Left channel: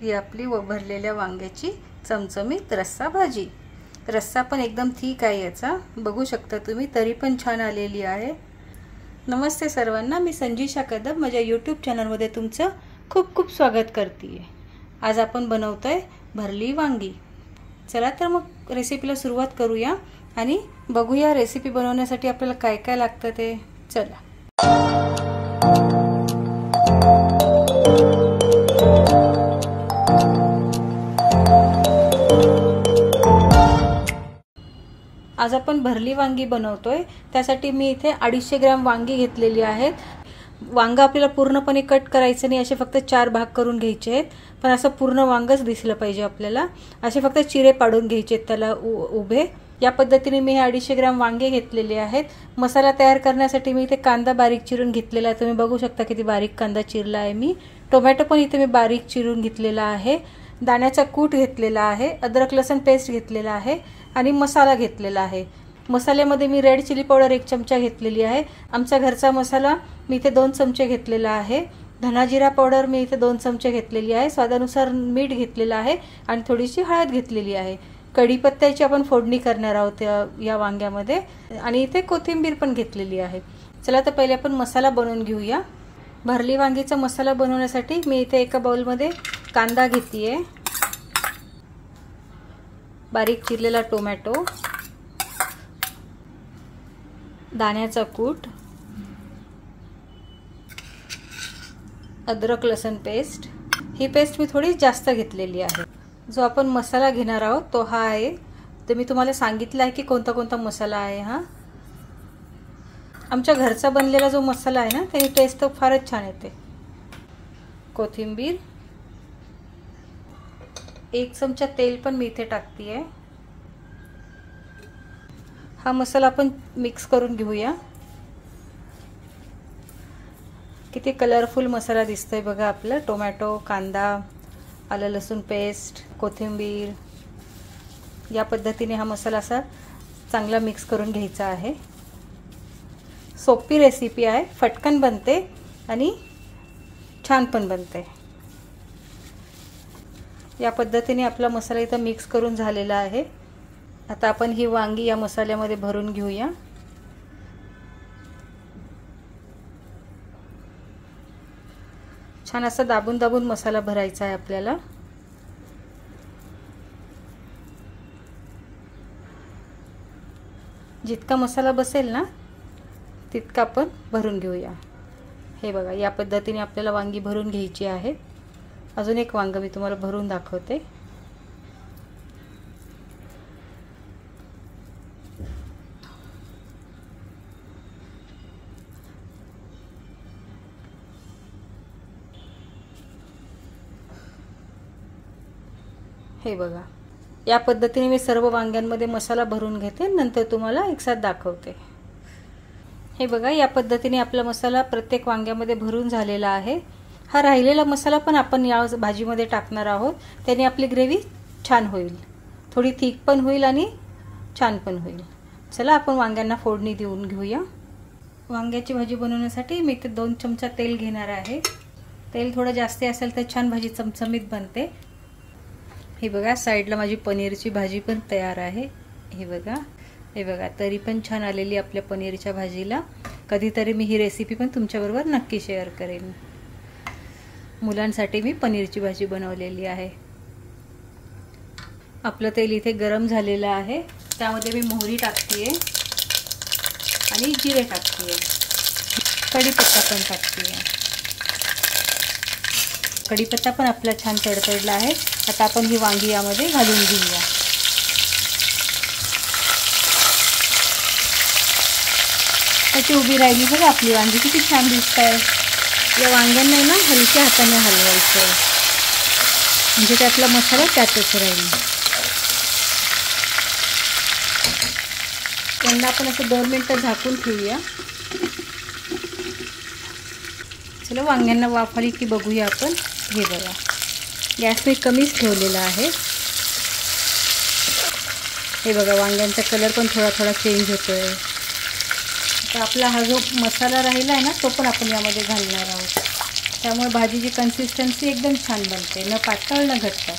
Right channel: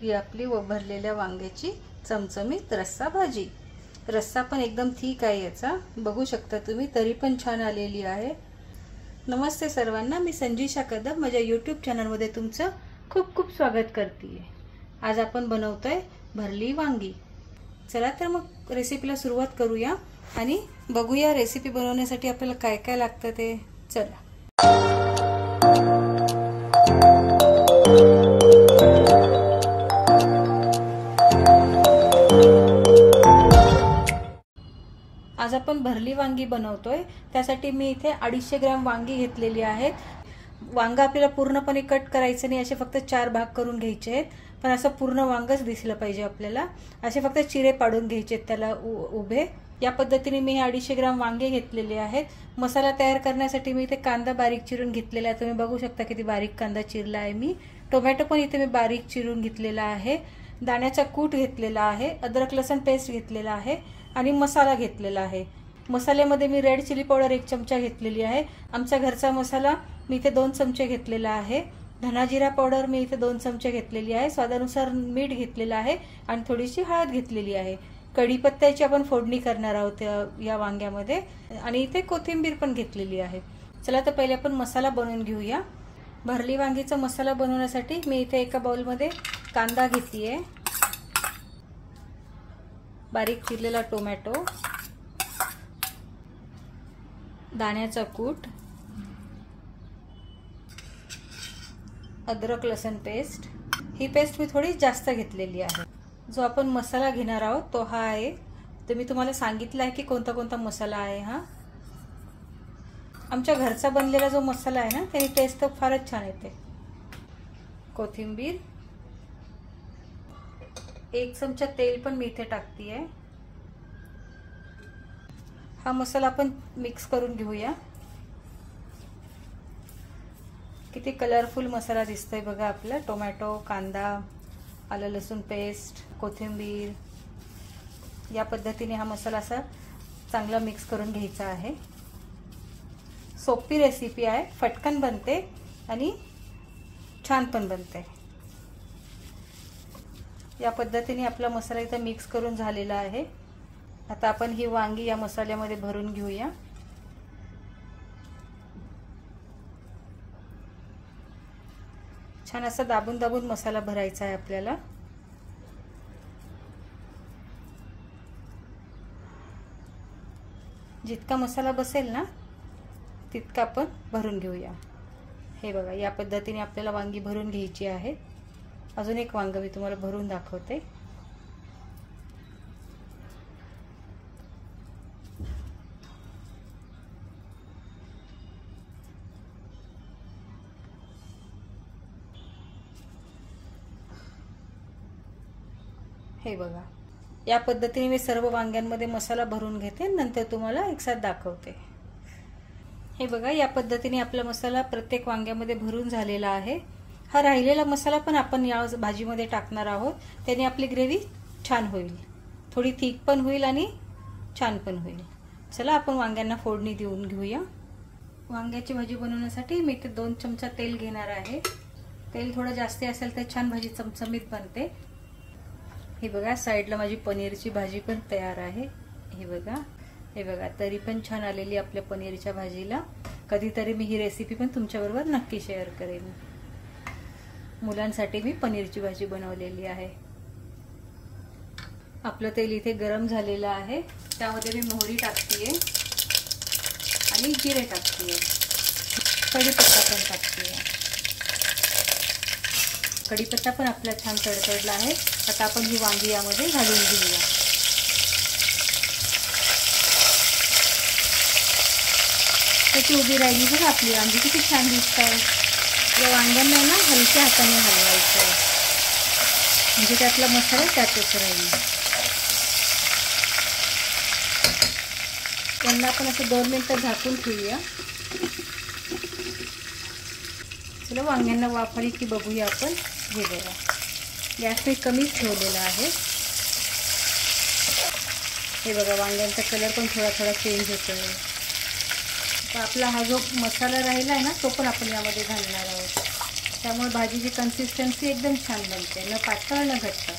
ही आपली भरलेल्या वांग्याची चमचमीत रस्सा भाजी। रस्सा पण एकदम ठीक आहे याचा, बघू शकता तुम्ही, तरी पण छान आलेली आहे। नमस्ते सर्वांना, मी संजीशा कदम माझ्या यूट्यूब चॅनलमध्ये तुमचं खूप खूप स्वागत करते। आज आपण बनवतोय भरली वांगी। चला तर मग रेसिपीला सुरुवात करूया आणि बघूया रेसिपी बनवण्यासाठी आपल्याला काय काय लागतं ते। चला। आज आपण भरली वांगी बनवतोय, त्यासाठी मी इथे 250 ग्रॅम वांगी घेतलेली आहेत। वांग आपल्याला पूर्णपणे कट करायचं नाही, असे फक्त 4 भाग करून घ्यायचे आहेत, पण असं पूर्ण वांगच दिसलं पाहिजे आपल्याला। असे फक्त चिरे पाडून घ्यायचे आहेत त्याला उभे। या पद्धतीने मी 250 ग्रॅम वांगे घेतलेले आहेत। मसाला तयार करण्यासाठी मी इथे कांदा बारीक चिरून घेतलेला आहे, तुम्ही बघू शकता किती बारीक कांदा चिरला आहे मी। टोमॅटो पण इथे मी बारीक चिरून घेतलेला आहे। दाण्याचा कूट घेतलेला आहे, अद्रक लसूण पेस्ट घेतलेला आहे आणि मसाला घेतलेला आहे। मसाल्यामध्ये मी रेड चिली पावडर 1 चमचा घेतलेली आहे। आमचा घरचा मसाला मी इथे 2 चमचे घेतलेला आहे। धना जिरा पावडर मी इथे 2 चमचे घेतलेली आहे। स्वादानुसार मीठ घेतलेलं आहे आणि थोडीशी हळद घेतलेली आहे। कढीपत्त्याची आपण फोडणी करणार आहोत या वांग्यामध्ये, आणि इथे कोथिंबीर पण घेतलेली आहे। चला तर पहिले आपण मसाला बनवून घेऊया। भरली वांगीचा मसाला बनवण्यासाठी मी इथे एका बाउलमध्ये कांदा घेतलीये, बारीक चिरलेला टोमॅटो, दाण्याचा कूट, अद्रक लसूण पेस्ट। ही पेस्ट मी थोडी जास्त घेतलेली आहे। जो आपण मसाला घेणार आहोत तो हा आहे, तर मी तुम्हाला सांगितलं आहे की कोणता कोणता मसाला आहे। हा आमच्या घरचा बनलेला जो मसाला आहे ना, त्याची टेस्ट तर फारच छान येते। कोथिंबीर, 1 चमचा तेल पण मी इथे टाकतीये। हा मसाला आपण मिक्स करून घेऊया। किती कलरफुल मसाला दिसतोय बघा आपला। टोमॅटो, कांदा, आलं लसूण पेस्ट, कोथिंबीर, या पद्धतीने हा मसाला असा चांगला मिक्स करून घ्यायचा आहे। सोपी रेसिपी आहे, फटकन बनते आणि छान पण बनते। या पद्धतीने आपला मसाला इथं मिक्स करून झालेला आहे। आता आपण ही वांगी या मसाल्यामध्ये भरून घेऊया। छान असं दाबून दाबून मसाला भरायचा आहे आपल्याला। जितका मसाला बसेल ना तितका आपण भरून घेऊया। हे बघा, या पद्धतीने आपल्याला वांगी भरून घ्यायची आहे। अजून एक वांग मी तुम्हाला भरून दाखवते। हे बघा, या पद्धतीने मी सर्व वांग्यांमध्ये मसाला भरून घेते, नंतर तुम्हाला एकसाथ दाखवते। हे बघा, या पद्धतीने आपला मसाला प्रत्येक वांग्यामध्ये भरून झालेला आहे। हा राहिलेला मसाला पण आपण या भाजीमध्ये टाकणार आहोत, त्याने आपली ग्रेव्ही छान होईल, थोडी थिक पण होईल आणि छान पण होईल। चला आपण वांग्यांना फोडणी देऊन घेऊया। वांग्याची भाजी बनवण्यासाठी मी इथे 2 चमचा तेल घेणार आहे। तेल थोडं जास्त असेल तर छान भाजी चमचमीत बनते। हे बघा, साईडला माझी पनीरची भाजी पण तयार आहे। हे बघा, तरी पण छान आलेली आपल्या पनीरच्या भाजीला। कधीतरी मी ही रेसिपी पण तुमच्याबरोबर नक्की शेअर करेन। मुलांसाठी मी पनीरची भाजी बनवलेली आहे। आपलं तेल इथे गरम झालेलं आहे, त्यामध्ये मी मोहरी टाकतेय आणि जिरे टाकतेय, कढीपत्ता पण टाकतेय। कढीपत्ता पण आपला छान तडतडला आहे। आता आपण ही वांगी यामध्ये घालून घेऊया। त्याची उभी राहिली बघा आपली वांगी, किती छान दिसत आहे। या वांग्यांना ना हलक्या हाताने हलवायचं, म्हणजे त्यातला मसाला त्यातच राहील। त्यांना आपण असं 2 मिनिटं झाकून ठेवूया। चला वांग्यांना वाफ आली की बघूया आपण। हे बघा, गॅस मी कमीच ठेवलेला आहे। हे बघा, वांग्यांचा कलर पण थोडा थोडा चेंज होतोय। तर आपला हा जो मसाला राहिला आहे ना, तो पण आपण यामध्ये घालणार आहोत। त्यामुळे भाजीची कन्सिस्टन्सी एकदम छान बनते, न पातळ न घट्ट.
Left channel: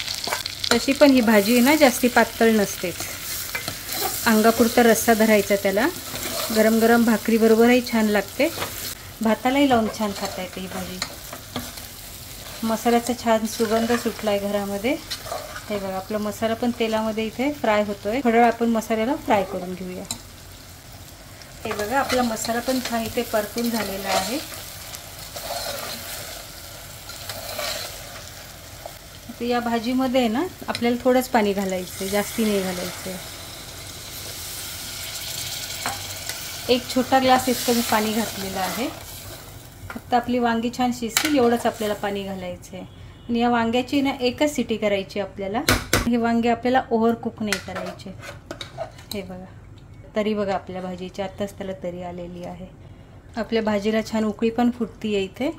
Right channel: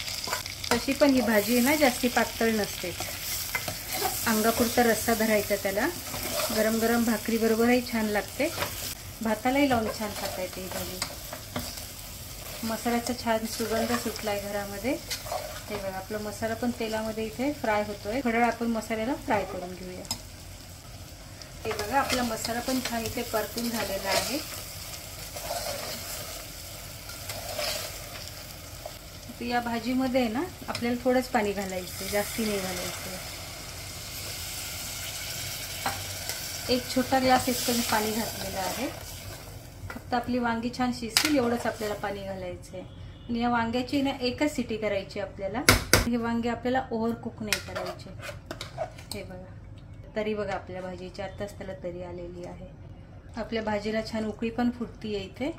तशी पण ही भाजी आहे ना जास्ती पातळ नसतेच. अंगापुरता रस्सा धरायचा त्याला. गरम गरम भाकरीबरोबरही छान लागते, भातालाही लावून छान खाता येते ही भाजी. मसाल्याचा छान सुगंध सुटला आहे घरामध्ये. हे बघा आपला मसाला पण तेलामध्ये इथे फ्राय होतोय. थोडा वेळ आपण मसाल्याला फ्राय करून घेऊया. हे बघा आपला मसाला पण छान इथे परतून झालेला आहे. या भाजीमध्ये ना आपल्याला थोडंच पाणी घालायचं, जास्ती नाही घालायचं. एक छोटा ग्लास इतकं मी पाणी घातलेलं आहे. फक्त आपली वांगी छान शिजतील एवढंच आपल्याला पाणी घालायचं आहे. आणि या वांग्याची ना एकच सिटी करायची आपल्याला. हे वांगे आपल्याला ओव्हर कुक नाही करायचे. हे बघा तरी बघा आपल्या भाजीची आत्ताच त्याला तरी आलेली आहे. आपल्या भाजीला छान उकळी पण फुटतीये इथे.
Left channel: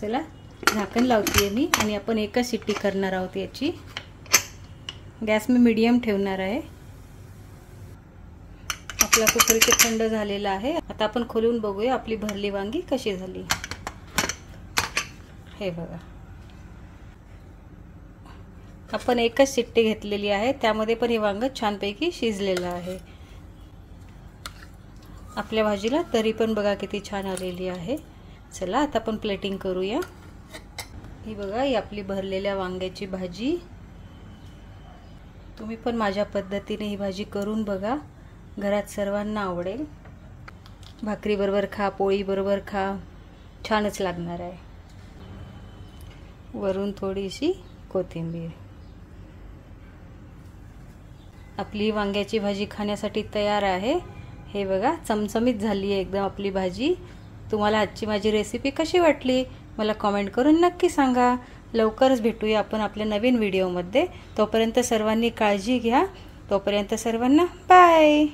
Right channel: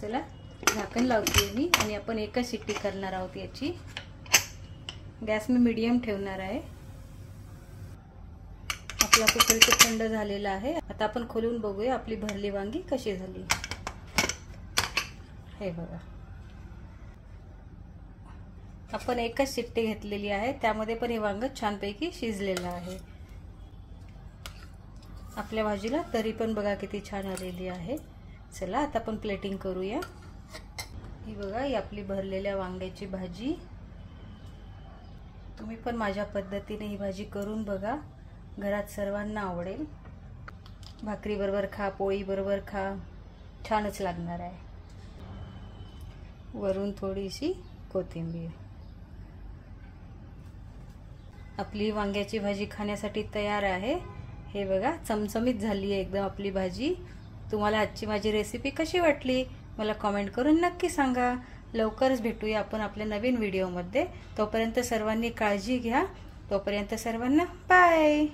चला झाकण लावतीये मी आणि आपण एकच शिट्टी करणार आहोत याची. गॅस मी मीडियम ठेवणार आहे. आपला कुकर इथे थंड झालेला आहे. आता आपण खोलून बघूया आपली भरली वांगी कशी झाली. हे बघा आपण एकच शिट्टी घेतलेली आहे, त्यामध्ये पण हे वांग छानपैकी शिजलेलं आहे. आपल्या भाजीला तरी पण बघा किती छान आलेली आहे. चला आता आपण प्लेटिंग करूया. ही बघा ही आपली भरलेल्या वांग्याची भाजी. तुम्ही पण माझ्या पद्धतीने ही भाजी करून बघा, घरात सर्वांना आवडेल. भाकरी बरोबर खा, पोळी बरोबर खा, छानच लागणार आहे. वरून थोडीशी कोथिंबीर. आपली वांग्याची भाजी खाण्यासाठी तयार आहे. हे बघा चमचमीत झाली आहे एकदम आपली भाजी. तुम्हाला आजची माझी रेसिपी कशी वाटली मला कमेंट करून नक्की सांगा. लवकरच भेटूया आपण आपल्या नवीन व्हिडिओमध्ये. तोपर्यंत सर्वांनी काळजी घ्या. तोपर्यंत सर्वांना बाय.